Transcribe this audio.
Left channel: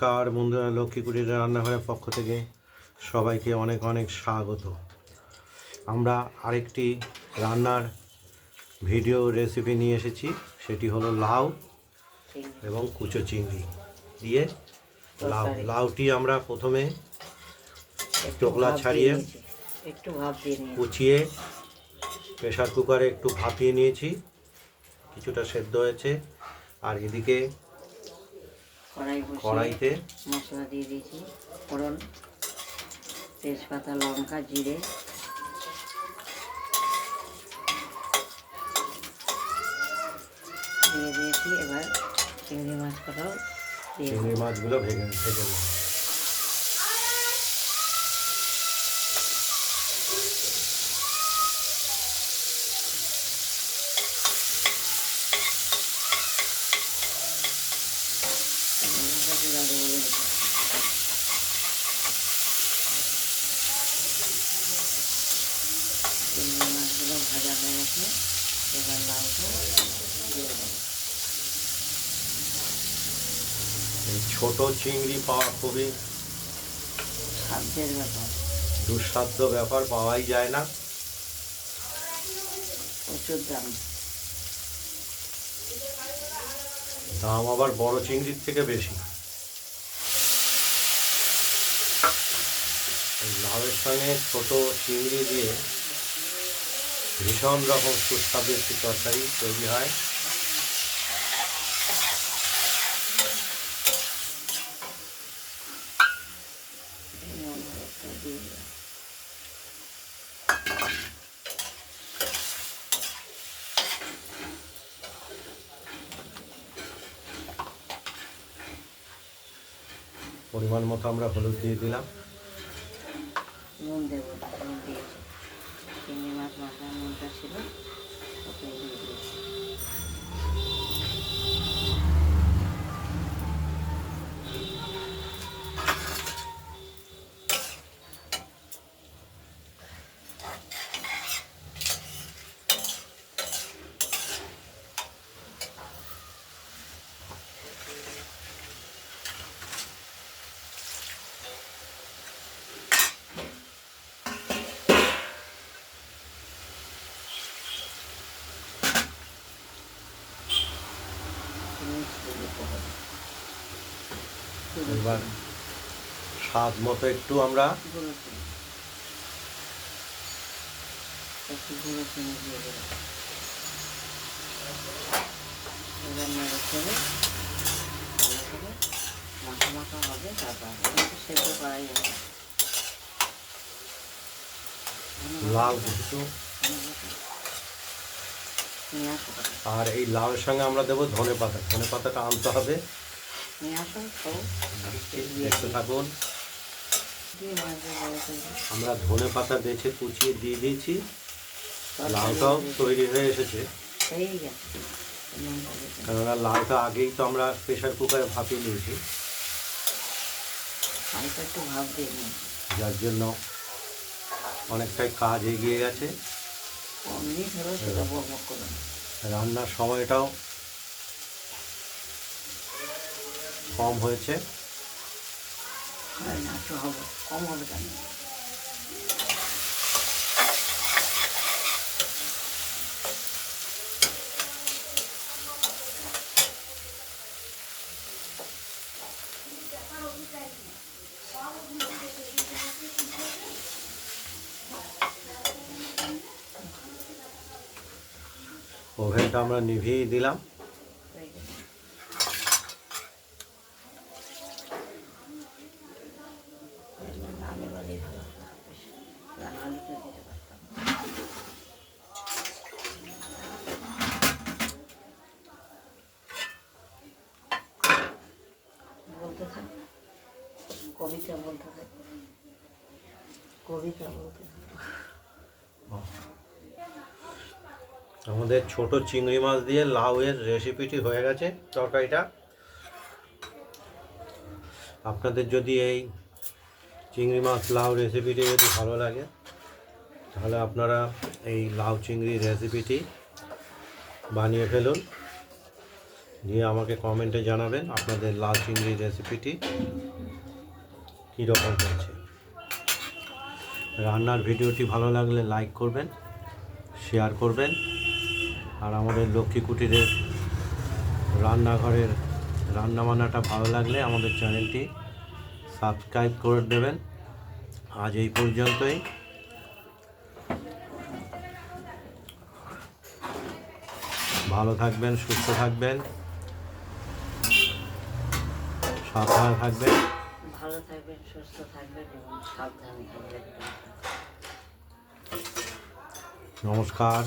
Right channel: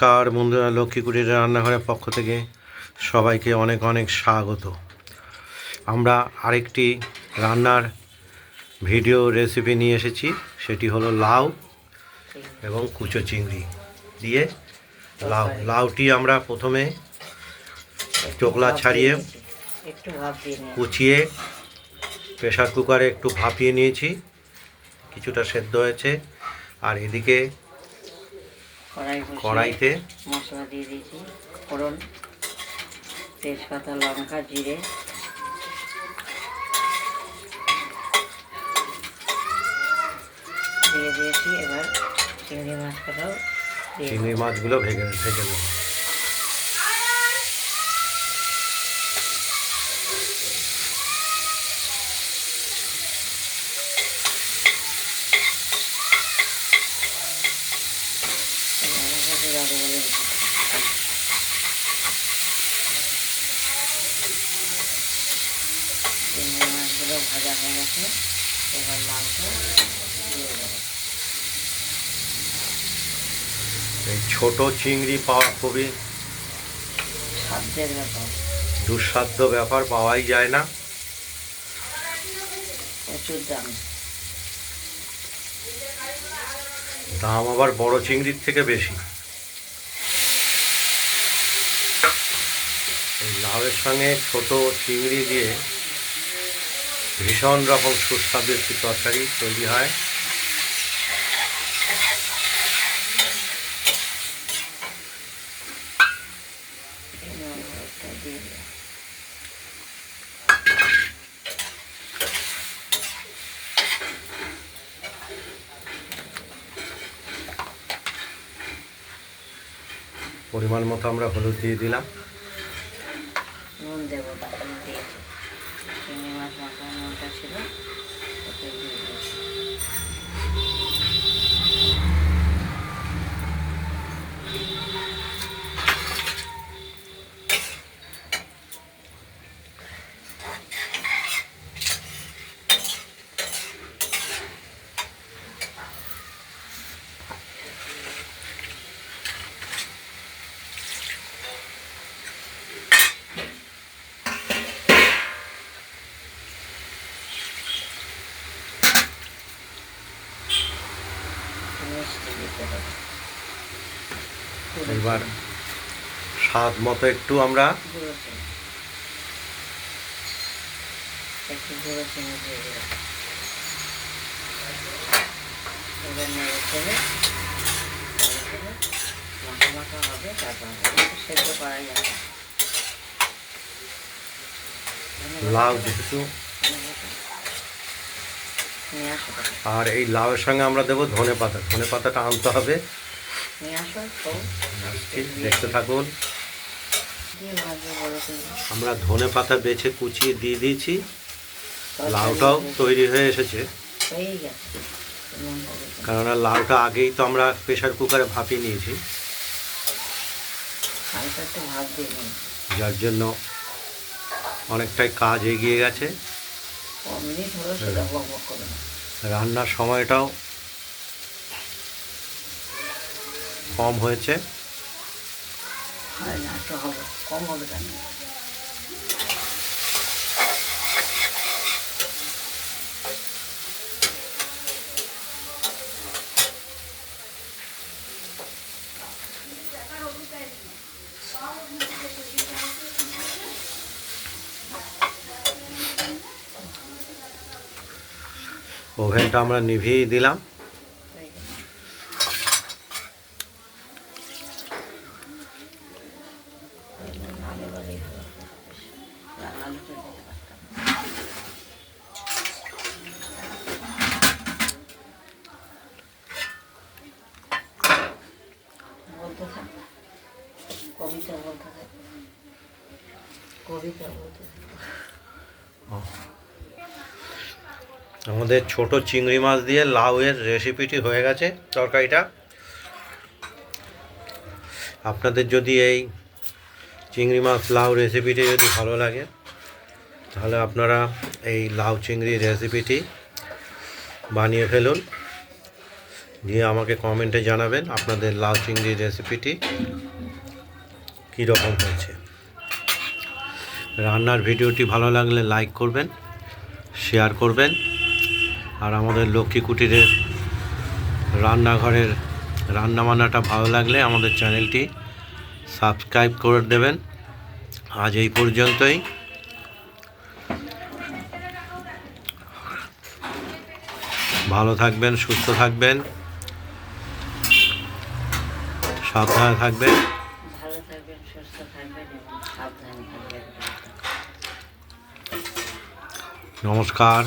কার বন্ধুরা, লক্ষ্মীকুটির রান্নাঘরের পক্ষ থেকে সবাইকে অনেক অনেক স্বাগত। আমরা আরেকটি রান্নার ভিডিও রেসিপি নিয়ে এসেছি, সেটি হলো লাউ এবং কুচো চিংড়ি দিয়ে লাউটি আমরা প্রথমে চোকলা ছাড়িয়ে কুচিয়ে প্রেশার কুকারে একটু ভাপিয়ে নিয়েছি, কিছুটা সেদ্ধ হয়েছে। আর এদিকে কড়াইতে মশলা দিয়ে দিয়েছি, ফোড়ন, তেজপাতা, লঙ্কা, জিরে দিয়ে দিয়েছি। এবার চিংড়ি মাছগুলো ভেজে নেব। চিংড়ি মাছগুলো ভাজা হয়ে গেছে, এবার লাউটা দিয়ে দেবো। এই ছোট চিংড়ি পাওয়া খুবই সাধ্যের ব্যাপার, দুঃসাধ্য ব্যাপার, পাওয়াই যায় না, প্রচুর দাম। দাম আবার বড় চিংড়ির থেকে বেশি। এই লাউয়ের সঙ্গে ছোট চিংড়ি দিয়ে ভীষণ রকম সুস্বাদু একটি তরকারি তৈরি হয়। পরিমাণ মতো আমরা হলুদ দিয়ে দিলাম, নুন দেবো, নুন দিয়েছি। চিংড়ি মাছ মাখা নুনটা ছিল, ওকে দিয়ে দিয়েছি। এবার স্বাদ মতো একটু আমরা চিনি দিয়ে দিলাম। এবার নেড়ে চেড়ে মাখা মাখা হবে, তারপর সেদ্ধ করা যাবে। লাউ যেহেতু, নিয়ে আসো, আর এই লাউয়ের সঙ্গে আমরা দেবো ধনে পাতা। ধনে পাতাটা আনতে হবে, নিয়ে আসো। দেখতে থাকুন। আমরা ধনে পাতা বেছে কুচিয়ে দিয়ে দিয়েছি, লাউটাও তৈরি হয়ে এসেছে। কেননা লাউটা আগেই তো আমরা প্রেশার কুকারে ভাপিয়ে নিয়েছি, যার জন্য অনেকটাই কাজ এগিয়ে গেছে। রান্নার সময়টাও কম হয়েছে। কম হবে কেন? ওভেনটা আমরা নিভিয়ে দিলাম। কবিতা বলতে থাকবে, কবিতা বলতে আমাদের ছোট চিংড়ি মাছ দিয়ে লাউয়ের রেসিপিটি হয়ে গেছে, তরকারিটা। আপনাদের যদি এই চিংড়ি মাছ লাউ রেসিপিটি যদি ভালো লাগে, তাহলে আপনারা এই লাউ চিংড়ি রেসিপিটি বানিয়ে ফেলুন। দিয়ে আমাকে কমেন্টে জানাবেন আপনাদের লাউ চিংড়ির রেসিপিটি কীরকম হয়েছে। রান্নার ভিডিওটি ভালো লাগলে লাইক করবেন, শেয়ার করবেন, আর আমাদের লক্ষ্মী কুটিরের রান্নাঘরের রান্নাবান্নাটা ভালো লাগলে আমাদের চ্যানেলটি সাবস্ক্রাইব করে দেবেন। আজ এই পর্যন্তই। ভালো থাকবেন, সুস্থ থাকবেন, সাবধানে থাকবেন। ভালো থাকবেন, সুস্থ থাকবেন এবং সাবধানে থাকবেন। নমস্কার।